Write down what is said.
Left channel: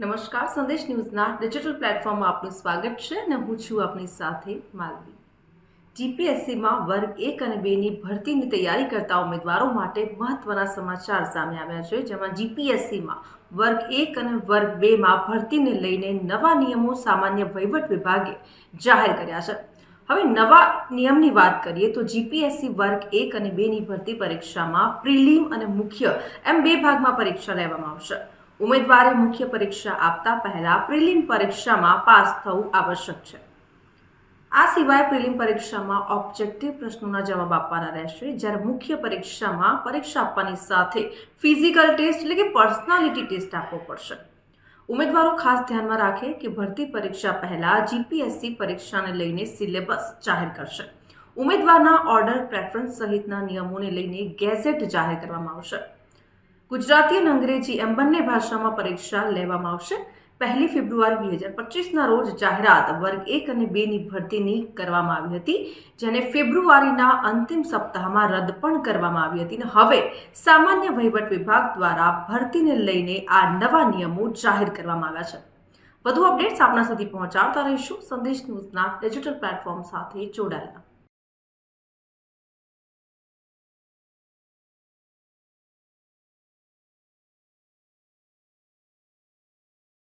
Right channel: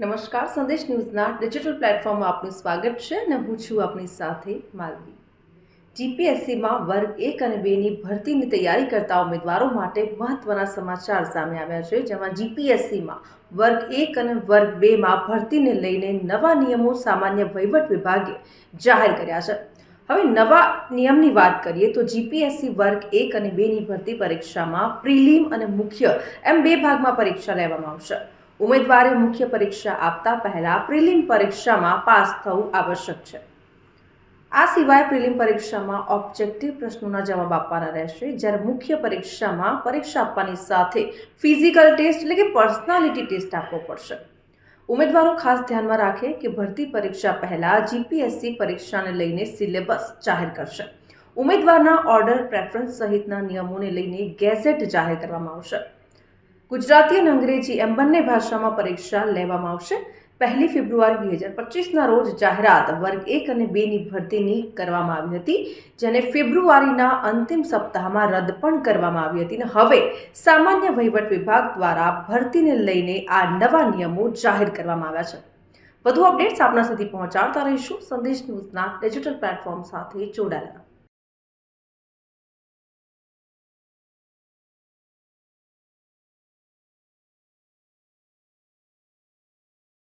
નમસ્કાર, સંદેશ ન્યૂઝના ડિજિટલ પ્લેટફોર્મમાં આપનું સ્વાગત છે અને હું છું આપની સાથે માલવી. જીપીએસસીમાં વર્ગ 1 અને 2ની ભરતીની તૈયારી કરતા ઉમેદવારો માટે મહત્વના સમાચાર સામે આવ્યા છે, જેમાં જીપીએસસીમાં વર્ગ 1 અને વર્ગ 2માં ભરતીને લઈને નવા નિયમો સામાન્ય વહીવટ વિભાગે જાહેર કર્યા છે. હવે નવા નિયમની વાત કરીએ તો જીપીએસસી વર્ગ 1 અને 2ની ભરતી પરીક્ષામાં પ્રિલિમ અને મુખ્ય એમ બે ભાગમાં પરીક્ષા લેવામાં આવશે. ઉમેદવારે મુખ્ય પરીક્ષા આપતા પહેલા પ્રિલિમ પરીક્ષામાં પાસ થવું આવશ્યક છે. આ સિવાય પ્રિલિમ પરીક્ષામાં ઓબ્જેક્ટિવ પ્રશ્નોના જવાબ આપવાના રહેશે, જ્યારે મુખ્ય પરીક્ષામાં પરીક્ષા આપવાની સાથે ફિઝિકલ ટેસ્ટ એટલે કે પર્સનાલિટી ટેસ્ટ આપવો પડશે. ઉમેદવારો ખાસ ધ્યાનમાં રાખે કે ભરતી પરીક્ષા પહેલા જીપીએસસી પરીક્ષાને લઈને સિલેબસ જાહેર કરશે. ઉમેદવારના ઓર્ડર પ્રેફરન્સ સહિતના નિયમોને લઈને ગેઝેટ જાહેર કરવામાં આવશે. ગુજરાતી અને અંગ્રેજી એમ બંને ભાષામાં પરીક્ષા લેવામાં આવશે. 1 ફેબ્રુઆરી 2025ના રોજ જાહેરાત વર્ગ 1 અને 2ની ભરતીની કરવામાં આવી હતી, જેને ફેબ્રુઆરીના અંતિમ સપ્તાહમાં રદ પણ કરવામાં આવી હતી. અને હવે સામાન્ય વહીવટ વિભાગ દ્વારા ભરતીને લઈને આ નવા નિયમો જાહેર કરવામાં આવ્યા છે. વધુ અપડેટ્સ આપના સુધી પહોંચાડતા રહીશું. સંદેશ ન્યૂઝના ડિજિટલ પ્લેટફોર્મ સાથે જોડાયેલા